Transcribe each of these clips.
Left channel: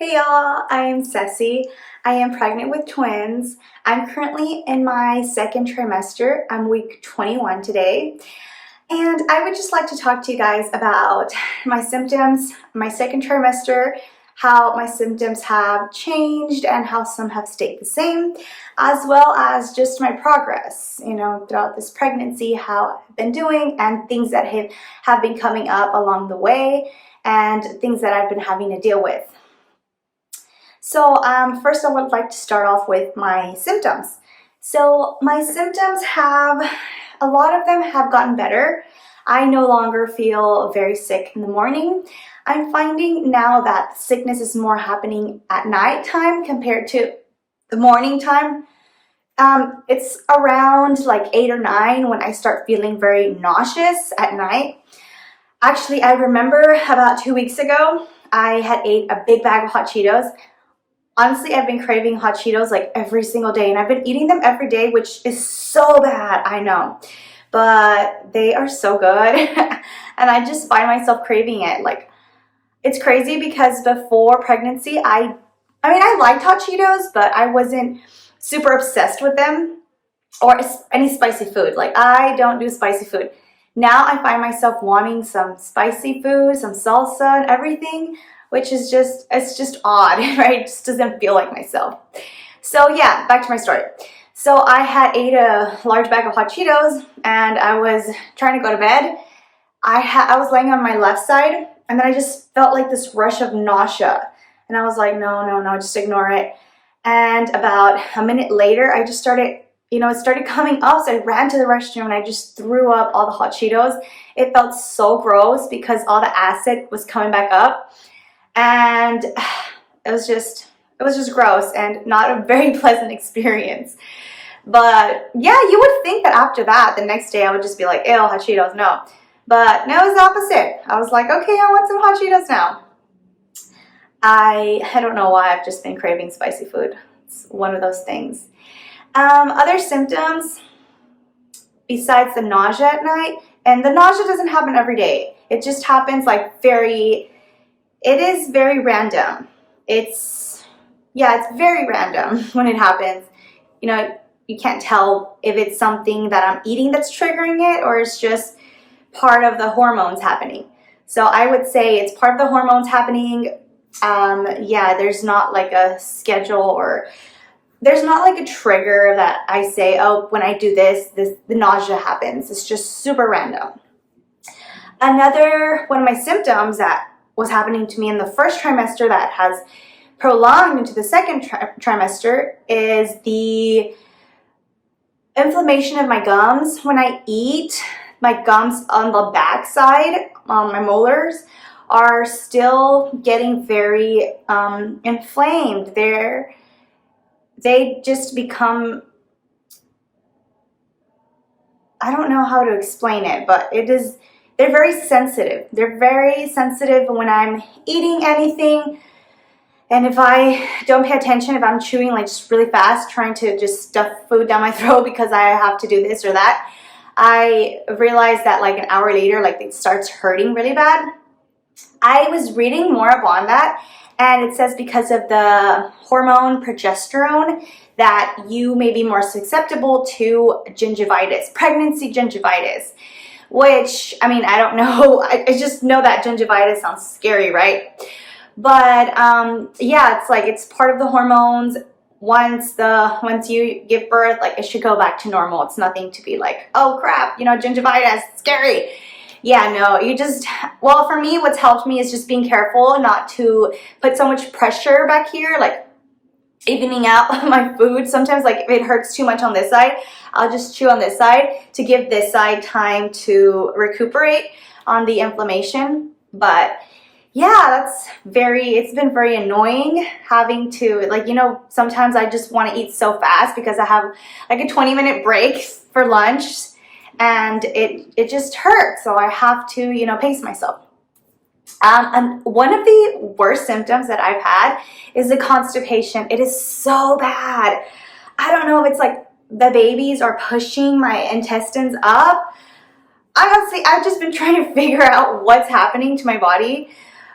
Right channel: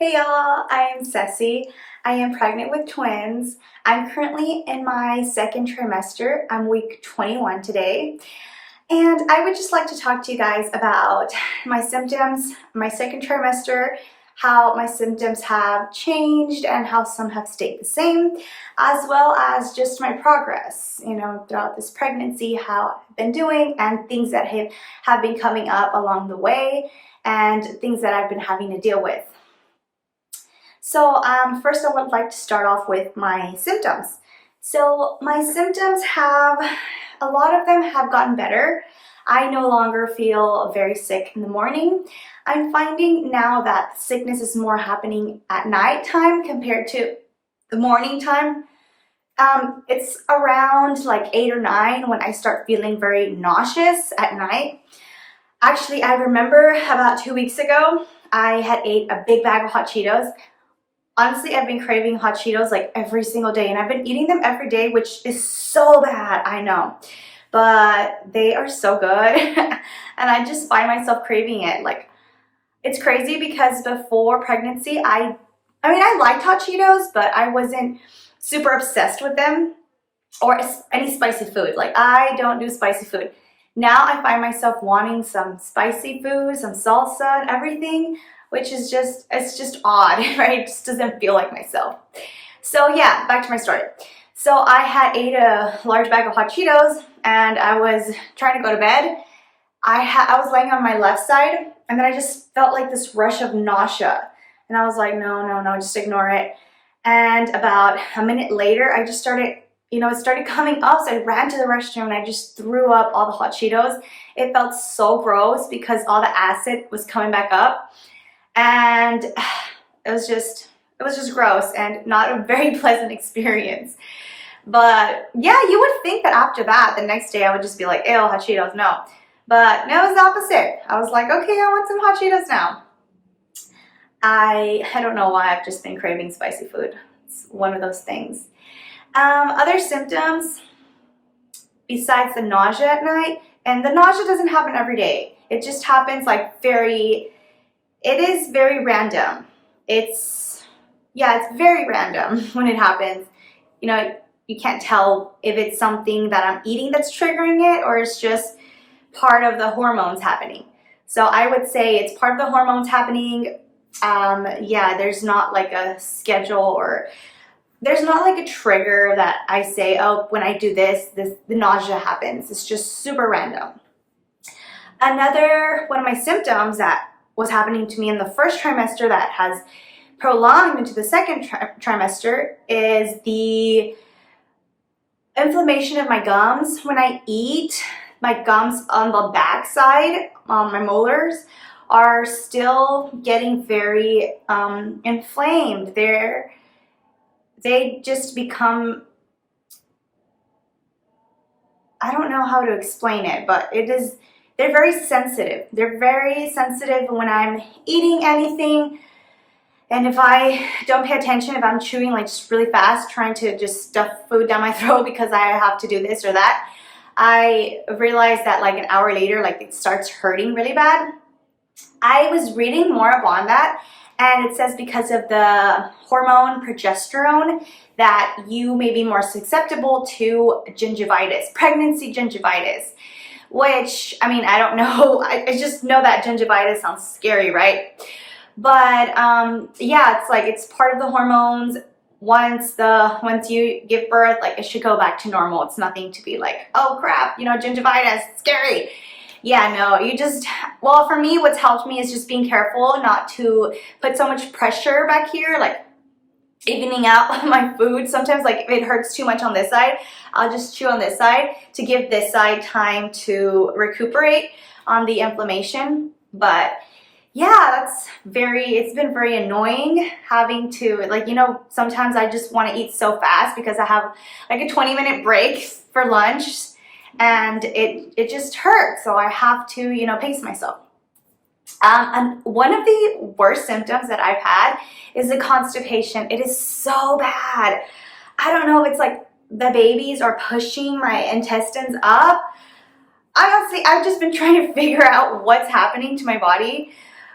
Hey y'all, I'm Ceci. I am pregnant with twins. I'm currently in my second trimester. I'm week 21 today. And I would just like to talk to you guys about my symptoms, my second trimester, how my symptoms have changed and how some have stayed the same, as well as just my progress, throughout this pregnancy, how I've been doing and things that have been coming up along the way and things that I've been having to deal with. So first I would like to start off with my symptoms. So my symptoms a lot of them have gotten better. I no longer feel very sick in the morning. I'm finding now that sickness is more happening at nighttime compared to the morning time. It's around like 8 or 9 when I start feeling very nauseous at night. Actually, I remember about 2 weeks ago, I had ate a big bag of hot Cheetos. Honestly, I've been craving hot Cheetos like every single day, and I've been eating them every day, which is so bad, I know. But they are so good, and I just find myself craving it. Like, it's crazy because before pregnancy, I liked hot Cheetos, but I wasn't super obsessed with them or any spicy food. Like, I don't do spicy food. Now I find myself wanting some spicy food, some salsa and everything, which is it's just odd, right? It just doesn't feel like myself. So yeah, back to my story. So I had ate a large bag of hot Cheetos and I was trying to go to bed. I was laying on my left side and then I just felt like this rush of nausea. And I was like, no, just ignore it. And about a minute later, I just started, it started coming up. So I ran to the restroom and I just threw up all the hot Cheetos. It felt so gross because all the acid was coming back up. And it was just gross and not a very pleasant experience. But yeah, you would think that after that, the next day I would just be like, ew, hot Cheetos, no. But no, it was the opposite. I was like, okay, I want some hot Cheetos now. I don't know why, I've just been craving spicy food. It's one of those things. Other symptoms besides the nausea at night, and the nausea doesn't happen every day. It just happens like it is very random. It's very random when it happens. You can't tell if it's something that I'm eating that's triggering it or it's just part of the hormones happening. So I would say it's part of the hormones happening. There's not like a schedule or there's not like a trigger that I say, oh, when I do the nausea happens. It's just super random. Another one of my symptoms that was happening to me in the first trimester that has prolonged into the second trimester is the inflammation of my gums. When I eat, my gums on the back side, my molars, are still getting very inflamed. They just become, I don't know how to explain it, but they're very sensitive. They're very sensitive when I'm eating anything. And if I don't pay attention, if I'm chewing like just really fast, trying to just stuff food down my throat because I have to do this or that, I realized that like an hour later, like it starts hurting really bad. I was reading more up on that, and it says because of the hormone progesterone that you may be more susceptible to gingivitis, pregnancy gingivitis, which, I don't know. I just know that gingivitis sounds scary, right? But it's like it's part of the hormones. Once you give birth, like it should go back to normal. It's nothing to be like, oh crap, gingivitis, scary. Yeah, no, for me, what's helped me is just being careful not to put so much pressure back here, like evening out my food. Sometimes, like, if it hurts too much on this side, I'll just chew on this side to give this side time to recuperate on the inflammation. But yeah, it's been very annoying having to, sometimes I just want to eat so fast because I have like a 20-minute break for lunch. And it just hurts, so I have to, pace myself. And one of the worst symptoms that I've had is the constipation. It is so bad. I don't know if it's like the babies are pushing my intestines up. Honestly, I've just been trying to figure out what's happening to my body,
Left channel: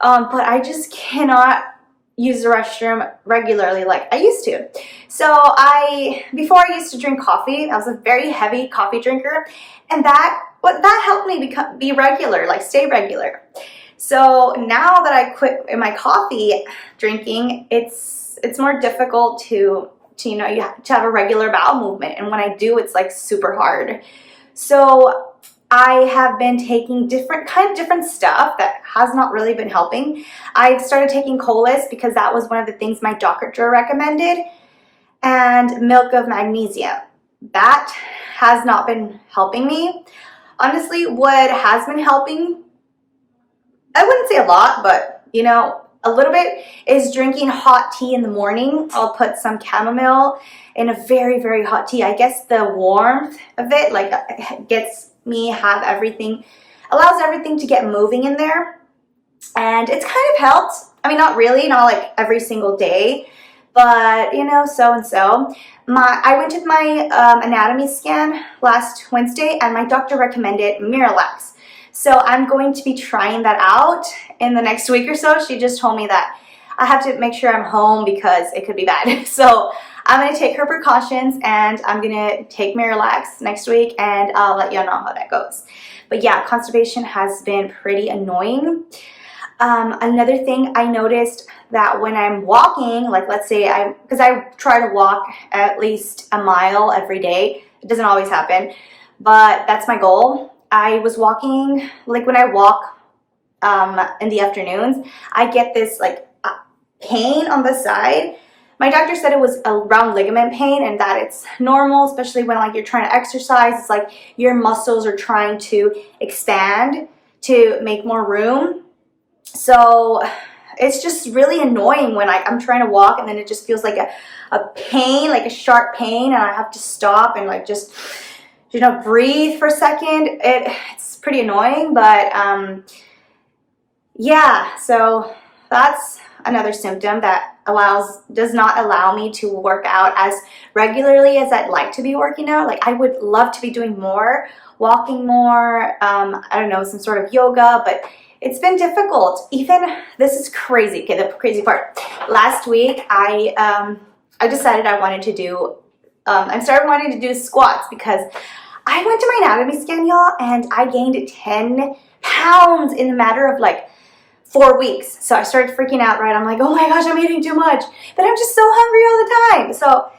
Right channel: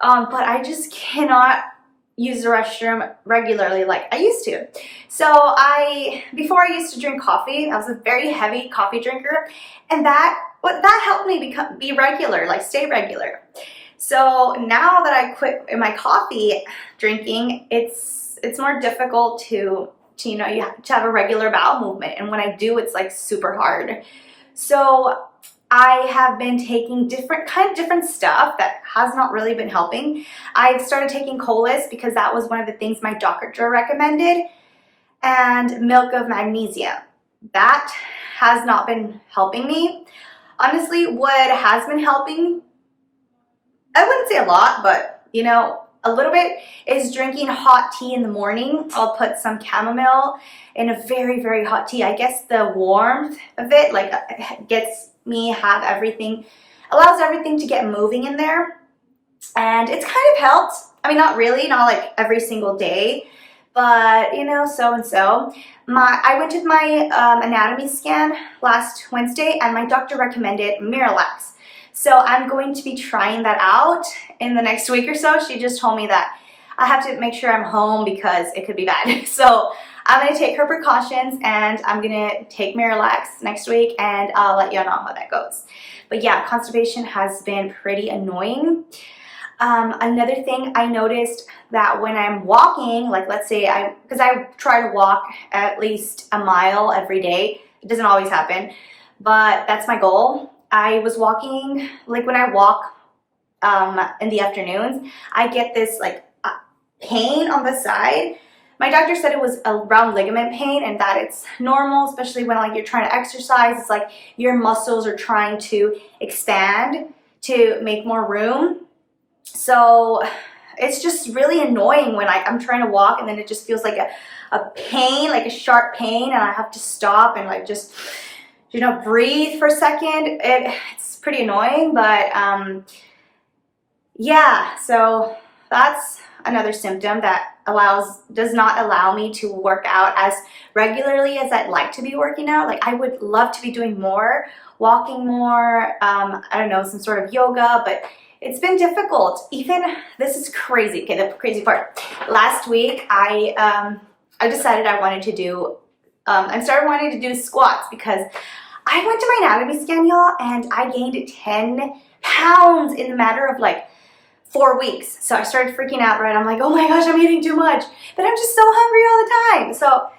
but I just cannot use the restroom regularly like I used to. So before I used to drink coffee, I was a very heavy coffee drinker, and that helped me be regular, like stay regular. So now that I quit my coffee drinking, it's more difficult to you know, you have to have a regular bowel movement, and when I do, it's like super hard. So I have been taking different stuff that has not really been helping. I've started taking Colis because that was one of the things my doctor recommended, and milk of magnesia. That has not been helping me. Honestly, what has been helping, I wouldn't say a lot, but you know, a little bit, is drinking hot tea in the morning. I'll put some chamomile in a very, very hot tea. I guess the warmth of it like gets me allows everything to get moving in there, and it's kind of helped. I mean, not really, not like every single day, but you know, so and so. I went to my anatomy scan last Wednesday, and my doctor recommended Miralax. So I'm going to be trying that out in the next week or so. She just told me that I have to make sure I'm home because it could be bad. So I'm going to take her precautions, and I'm going to take Miralax next week, and I'll let you know how that goes. But yeah, constipation has been pretty annoying. Another thing I noticed that when I'm walking, like let's say because I try to walk at least a mile every day. It doesn't always happen, but that's my goal. I was walking, like when I walk in the afternoons, I get this like pain on the side. My doctor said it was a round ligament pain, and that it's normal, especially when like you're trying to exercise. It's like your muscles are trying to expand to make more room. So it's just really annoying when I'm trying to walk, and then it just feels like a pain, like a sharp pain, and I have to stop and like just, you know, breathe for a second. It's pretty annoying, but yeah, so that's another symptom that does not allow me to work out as regularly as I'd like to be working out. Like I would love to be doing more, walking more, I don't know, some sort of yoga, but it's been difficult. Even, this is crazy. Okay, the crazy part. Last week, I decided I wanted to do, I started wanting to do squats because I went to my anatomy scan, y'all, and I gained 10 pounds in the matter of like 4 weeks. So I started freaking out, right? I'm like, oh my gosh, I'm eating too much, but I'm just so hungry all the time. So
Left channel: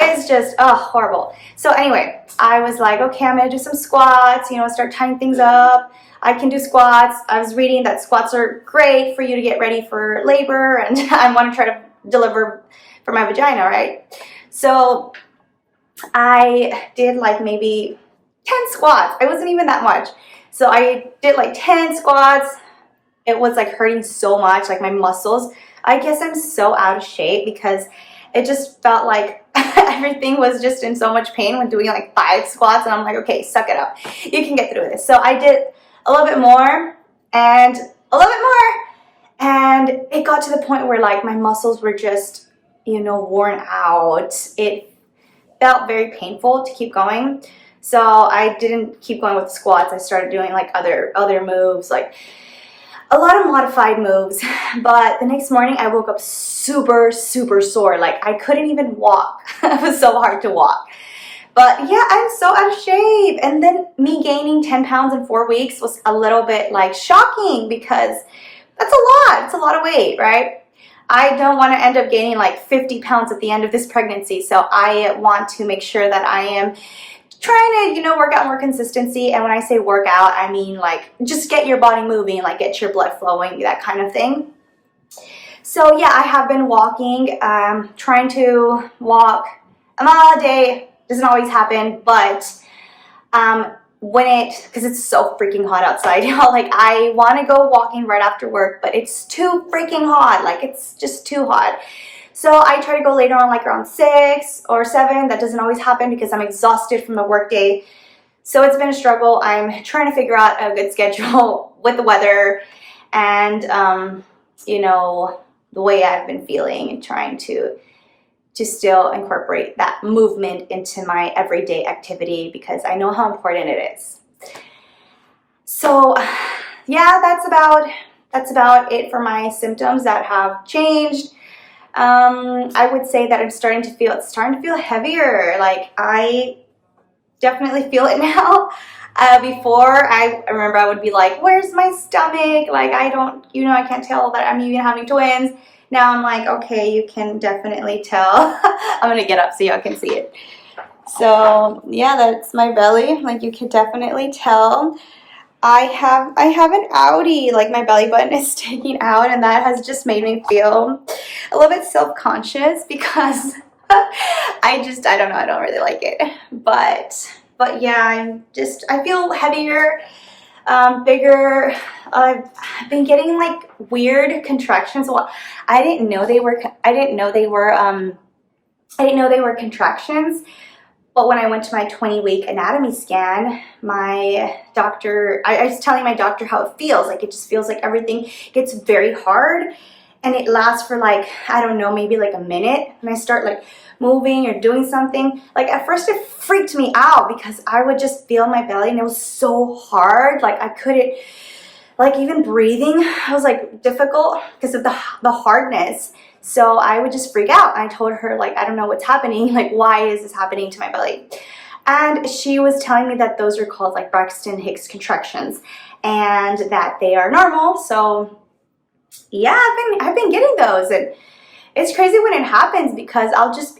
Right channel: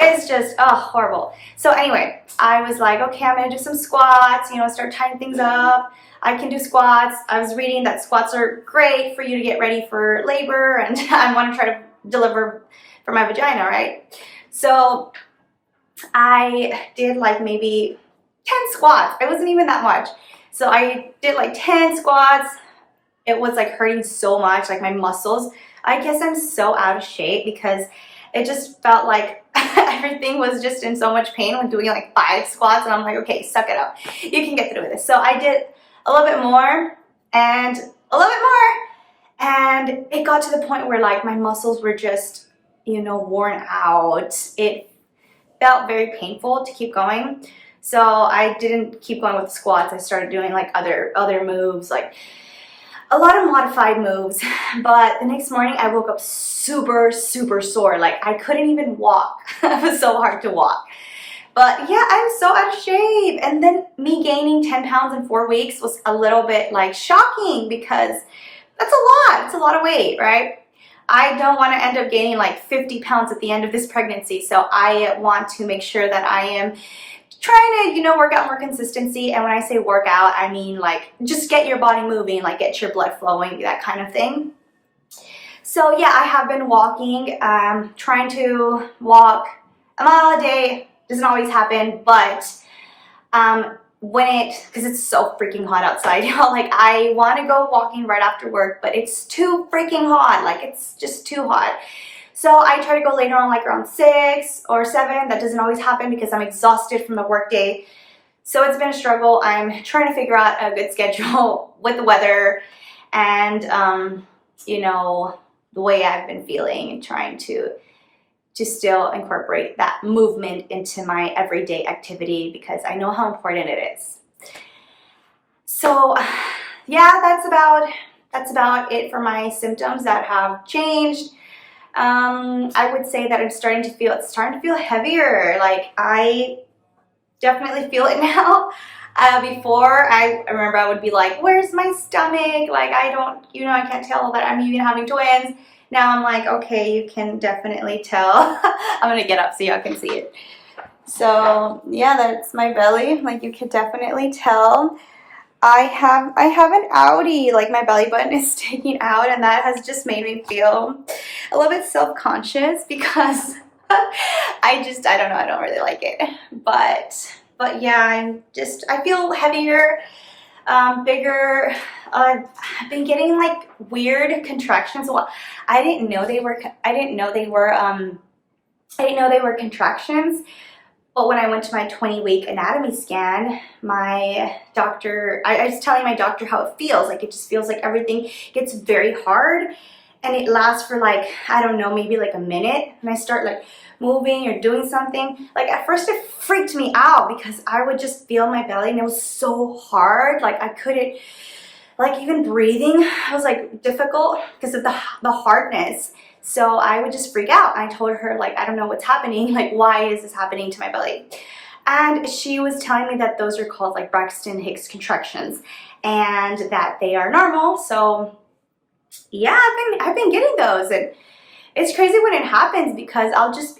it's just, oh, horrible. So anyway, I was like, okay, I'm gonna do some squats, you know, start tying things up. I can do squats. I was reading that squats are great for you to get ready for labor, and I want to try to deliver for my vagina, right? So I did like maybe 10 squats. It wasn't even that much. So I did like 10 squats. It was like hurting so much, like my muscles. I guess I'm so out of shape because it just felt like everything was just in so much pain when doing like 5 squats, and I'm like, okay, suck it up. You can get through this. So I did a little bit more and a little bit more, and it got to the point where like my muscles were just, you know, worn out. It felt very painful to keep going. So I didn't keep going with the squats. I started doing like other moves, like a lot of modified moves. But the next morning I woke up super, super sore. Like I couldn't even walk. It was so hard to walk. But yeah, I'm so out of shape. And then me gaining 10 pounds in 4 weeks was a little bit like shocking because that's a lot. It's a lot of weight, right? I don't want to end up gaining like 50 pounds at the end of this pregnancy. So I want to make sure that I am trying to, you know, work out more consistency. And when I say work out, I mean like just get your body moving, like get your blood flowing, that kind of thing. So yeah, I have been walking, trying to walk a mile a day. Doesn't always happen, but because it's so freaking hot outside, you know, like I want to go walking right after work, but it's too freaking hot. Like it's just too hot. So I try to go later on, like around 6 or 7. That doesn't always happen because I'm exhausted from the work day. So it's been a struggle. I'm trying to figure out a good schedule with the weather and, you know, the way I've been feeling, and trying to still incorporate that movement into my everyday activity because I know how important it is. So yeah, that's about that's about it for my symptoms that have changed. I would say that it's starting to feel heavier. Like, I definitely feel it now. Before, I remember I would be like, where's my stomach? Like, I don't, I can't tell that I'm even having twins. Now I'm like, okay, you can definitely tell. I'm gonna get up so y'all can see it. So yeah, that's my belly. Like, you can definitely tell. I have an outie, like my belly button is sticking out, and that has just made me feel a little bit self-conscious because I don't know, I don't really like it. But yeah, I feel heavier, bigger. I've been getting like weird contractions. Well, I didn't know they were contractions. But when I went to my 20-week anatomy scan, my doctor, I was telling my doctor how it feels. Like, it just feels like everything gets very hard, and it lasts for like, I don't know, maybe like a minute. And I start like moving or doing something. Like, at first it freaked me out because I would just feel my belly and it was so hard. Like, I couldn't, like, even breathing, it was like difficult because of the hardness. So I would just freak out. I told her, like, I don't know what's happening. Like, why is this happening to my belly? And she was telling me that those are called like Braxton Hicks contractions and that they are normal. So yeah, I've been getting those, and it's crazy when it happens because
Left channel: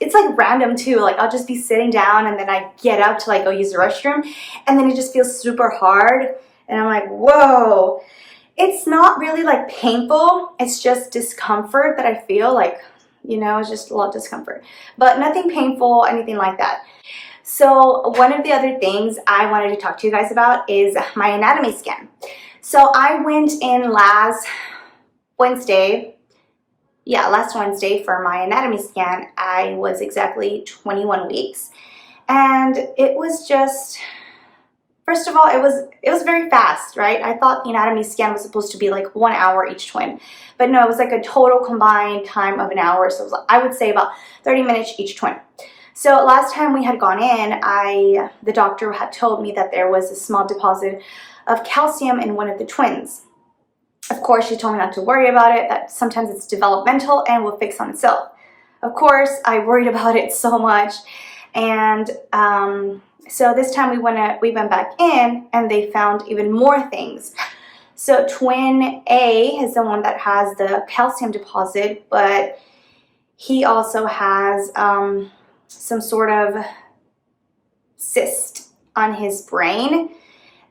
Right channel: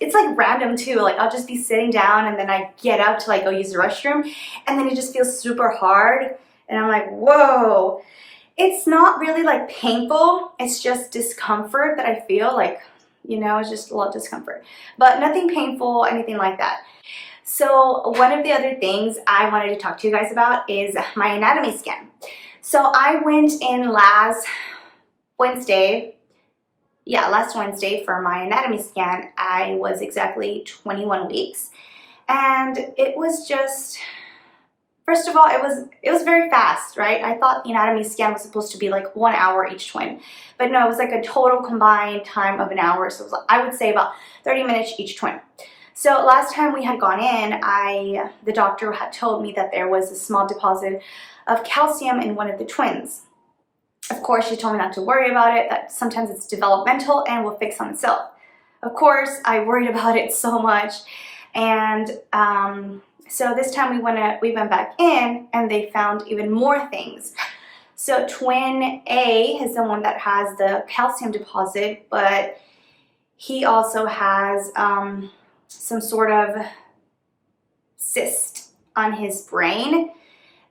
it's like random too. Like, I'll just be sitting down and then I get up to like go use the restroom, and then it just feels super hard. And I'm like, whoa. It's not really like painful. It's just discomfort that I feel like, it's just a lot of discomfort, but nothing painful, anything like that. So one of the other things I wanted to talk to you guys about is my anatomy scan. So I went in last Wednesday for my anatomy scan. I was exactly 21 weeks, and it was just, first of all, it was very fast, right? I thought the anatomy scan was supposed to be like 1 hour each twin, but no, it was like a total combined time of an hour. So it was, I would say, about 30 minutes each twin. So last time we had gone in, the doctor had told me that there was a small deposit of calcium in one of the twins. Of course, she told me not to worry about it, that sometimes it's developmental and will fix on itself. Of course, I worried about it so much, and so this time we went back in, and they found even more things. So twin A is the one that has the calcium deposit, but he also has some sort of cyst on his brain,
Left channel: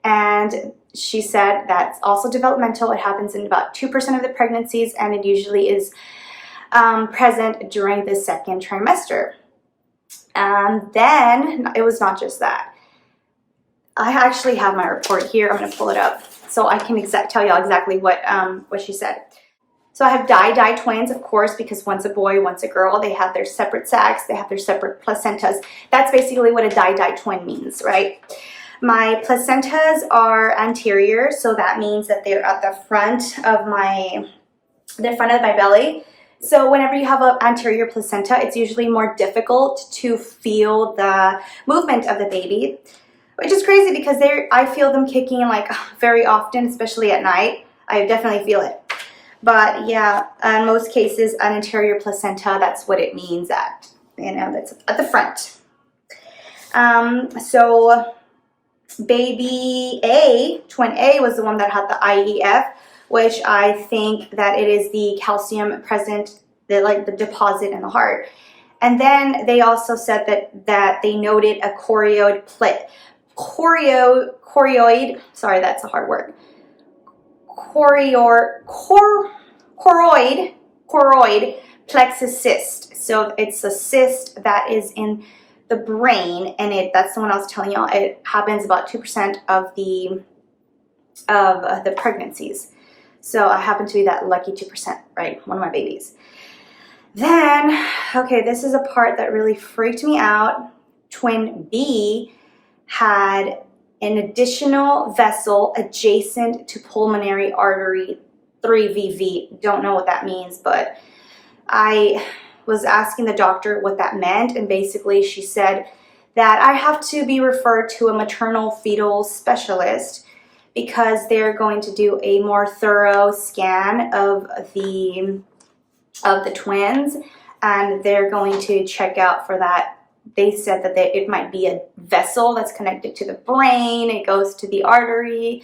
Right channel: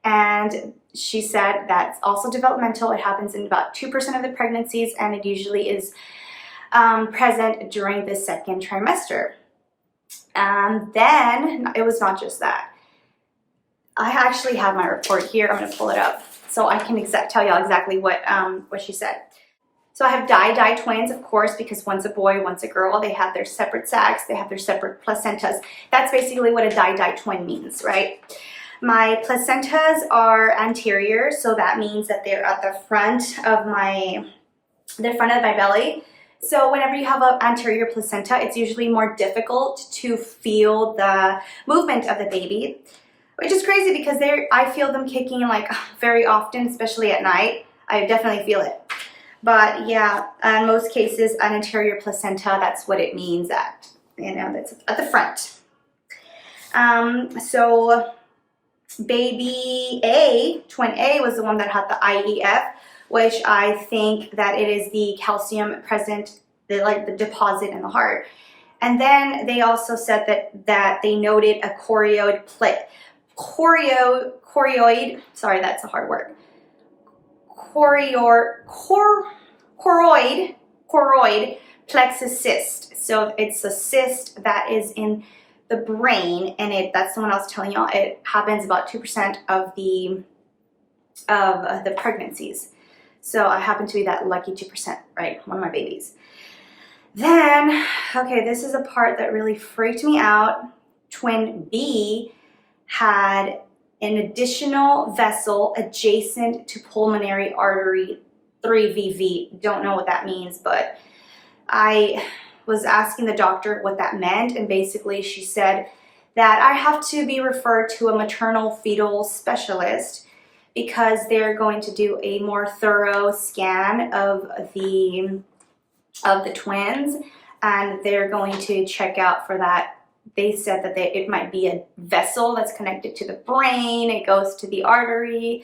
and she said that's also developmental. It happens in about 2% of the pregnancies, and it usually is present during the second trimester. Then it was not just that. I actually have my report here. I'm going to pull it up so I can tell y'all exactly what she said. So I have di twins, of course, because one's a boy, one's a girl. They have their separate sacs. They have their separate placentas. That's basically what a di twin means, right? My placentas are anterior, so that means that they're at the front of my belly. So whenever you have an anterior placenta, it's usually more difficult to feel the movement of the baby, which is crazy because I feel them kicking like very often, especially at night. I definitely feel it. But yeah, in most cases, an anterior placenta, that's what it means that's at the front. So baby A, twin A, was the one that had the IEF, which I think that it is the calcium present, the deposit in the heart. And then they also said that they noted a choroid, sorry, that's a hard word. Choroid plexus cyst. So it's a cyst that is in the brain, and that's the one I was telling y'all. It happens about 2% of the pregnancies. So I happen to be that lucky 2%, right? One of my babies. Then, okay, this is a part that really freaked me out. Twin B had an additional vessel adjacent to pulmonary artery 3VV. Don't know what that means, but I was asking the doctor what that meant, and basically she said that I have to be referred to a maternal fetal specialist because they're going to do a more thorough scan of the twins, and they're going to check out for that. They said that it might be a vessel that's connected to the brain. It goes to the artery.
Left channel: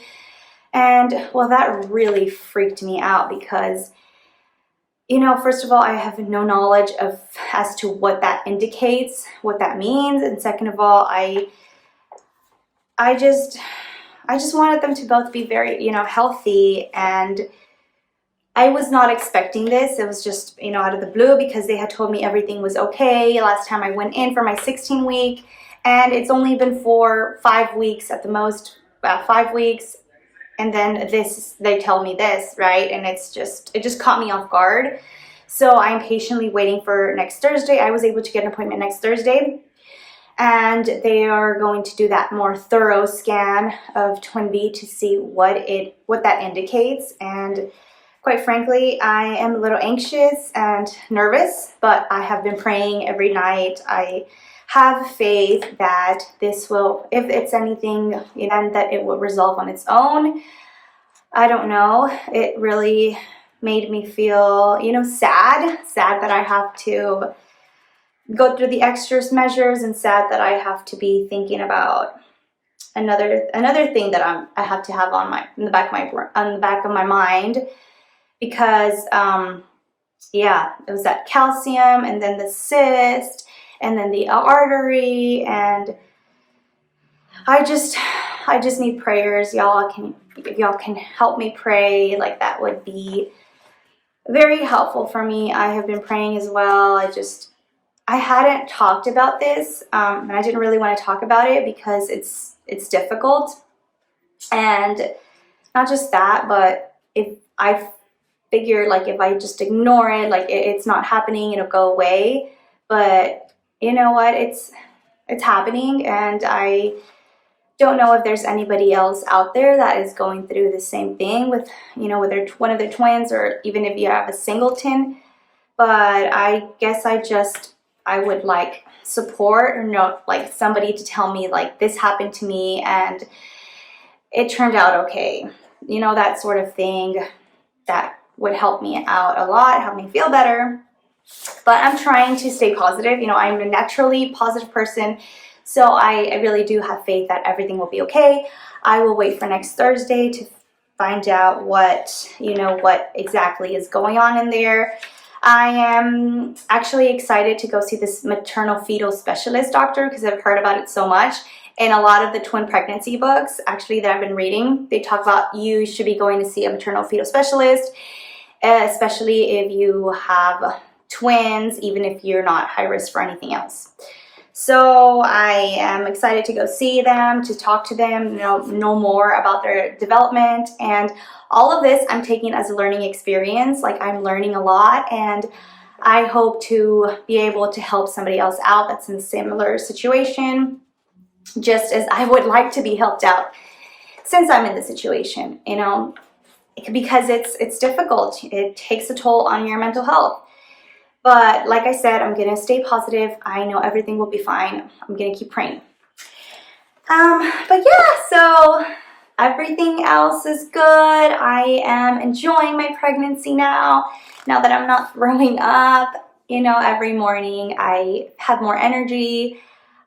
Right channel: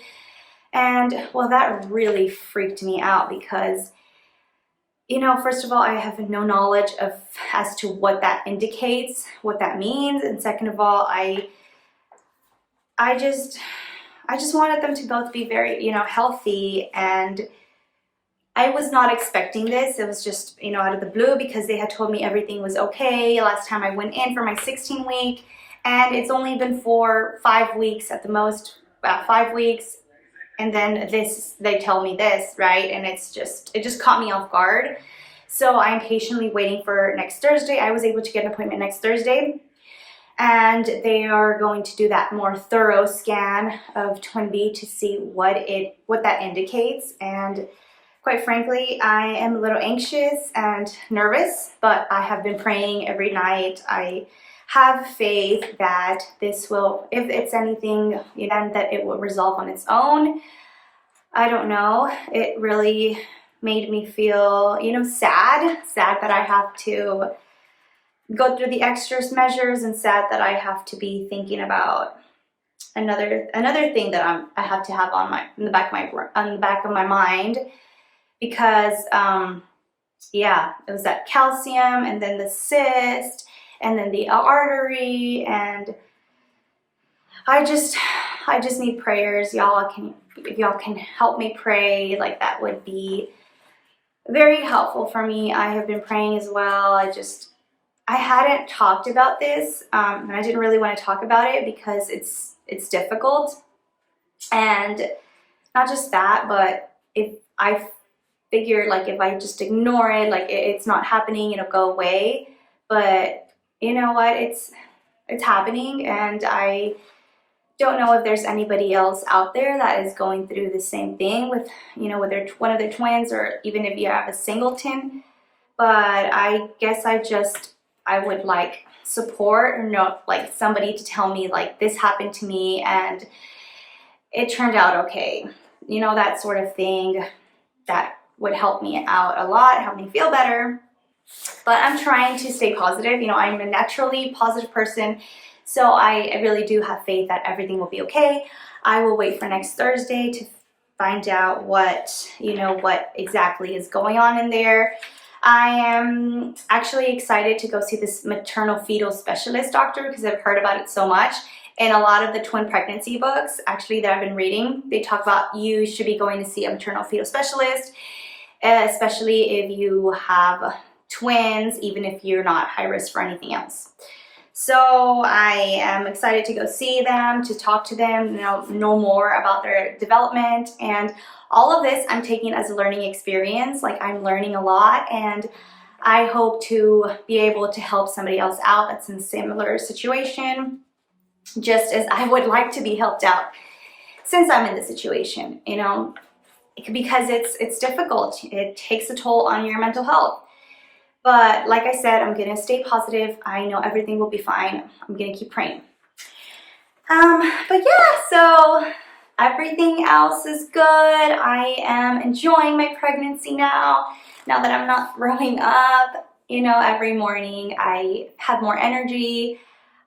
And well, that really freaked me out because, you know, first of all, I have no knowledge as to what that indicates, what that means. And second of all, I just wanted them to both be very, you know, healthy. And I was not expecting this. It was just, you know, out of the blue because they had told me everything was okay last time I went in for my 16 week. And it's only been for 5 weeks at the most, about 5 weeks. And then they tell me this, right? And it just caught me off guard. So I'm patiently waiting for next Thursday. I was able to get an appointment next Thursday. And they are going to do that more thorough scan of Twin B to see what that indicates. And quite frankly, I am a little anxious and nervous, but I have been praying every night. I have faith that this will, if it's anything, you know, that it will resolve on its own. I don't know. It really made me feel, you know, sad that I have to go through the extra measures, and sad that I have to be thinking about another thing that I have to have on the back of my mind. Because, yeah, it was that calcium, and then the cyst, and then the artery, and I just need prayers. If y'all can help me pray, like, that would be very helpful for me. I have been praying as well. I hadn't talked about this, and I didn't really want to talk about it because it's difficult. And not just that, but if I figured, like, if I just ignore it, like, it's not happening, it'll go away. But you know what, it's happening, and I don't know if there's anybody else out there that is going through the same thing with, you know, with one of their twins, or even if you have a singleton. But I guess I would like support, or know, like, somebody to tell me, like, this happened to me and it turned out okay, you know, that sort of thing. That would help me out a lot, help me feel better. But I'm trying to stay positive. You know, I'm a naturally positive person, so I really do have faith that everything will be okay. I will wait for next Thursday to find out what exactly is going on in there. I am actually excited to go see this maternal fetal specialist doctor because I've heard about it so much. In a lot of the twin pregnancy books, actually, that I've been reading, they talk about you should be going to see a maternal fetal specialist, especially if you have twins, even if you're not high risk for anything else. So I am excited to go see them, to talk to them, know more about their development. And all of this I'm taking as a learning experience. Like, I'm learning a lot, and I hope to be able to help somebody else out that's in a similar situation, just as I would like to be helped out since I'm in the situation, you know, because it's difficult. It takes a toll on your mental health. But like I said, I'm going to stay positive. I know everything will be fine. I'm going to keep praying. But yeah, so everything else is good. I am enjoying my pregnancy now that I'm not throwing up. You know, every morning I have more energy.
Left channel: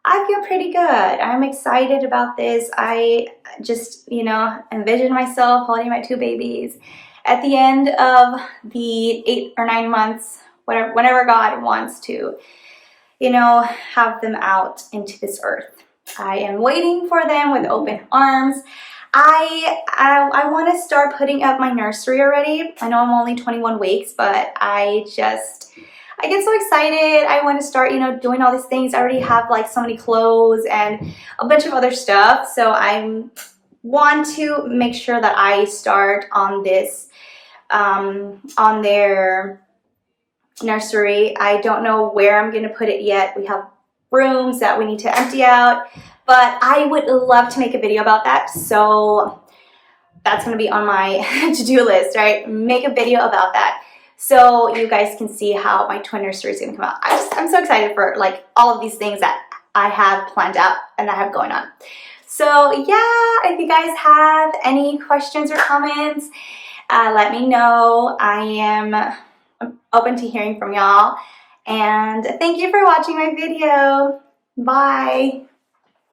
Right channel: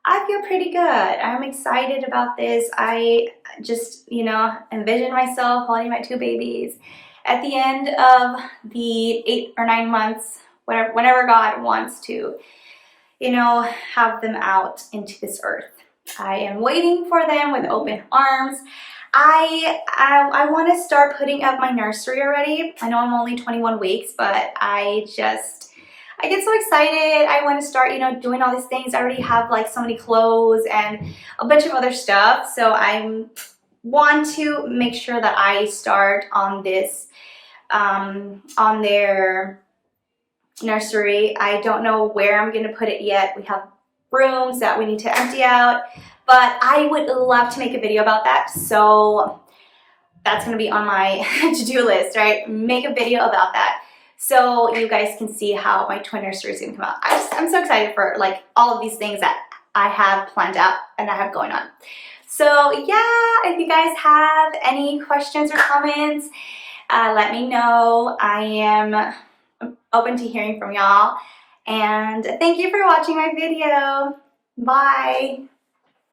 I feel pretty good. I'm excited about this. I just, you know, envision myself holding my 2 babies at the end of the 8 or 9 months, whenever God wants to, you know, have them out into this earth. I am waiting for them with open arms. I want to start putting up my nursery already. I know I'm only 21 weeks, but I get so excited. I want to start, you know, doing all these things. I already have like so many clothes and a bunch of other stuff. So I want to make sure that I start on this, on their nursery. I don't know where I'm going to put it yet. We have rooms that we need to empty out, but I would love to make a video about that. So that's going to be on my to-do list, right? Make a video about that, so you guys can see how my twin nursery is going to come out. I'm so excited for like all of these things that I have planned out and I have going on. So yeah, if you guys have any questions or comments, let me know. I am open to hearing from y'all. And thank you for watching my video. Bye.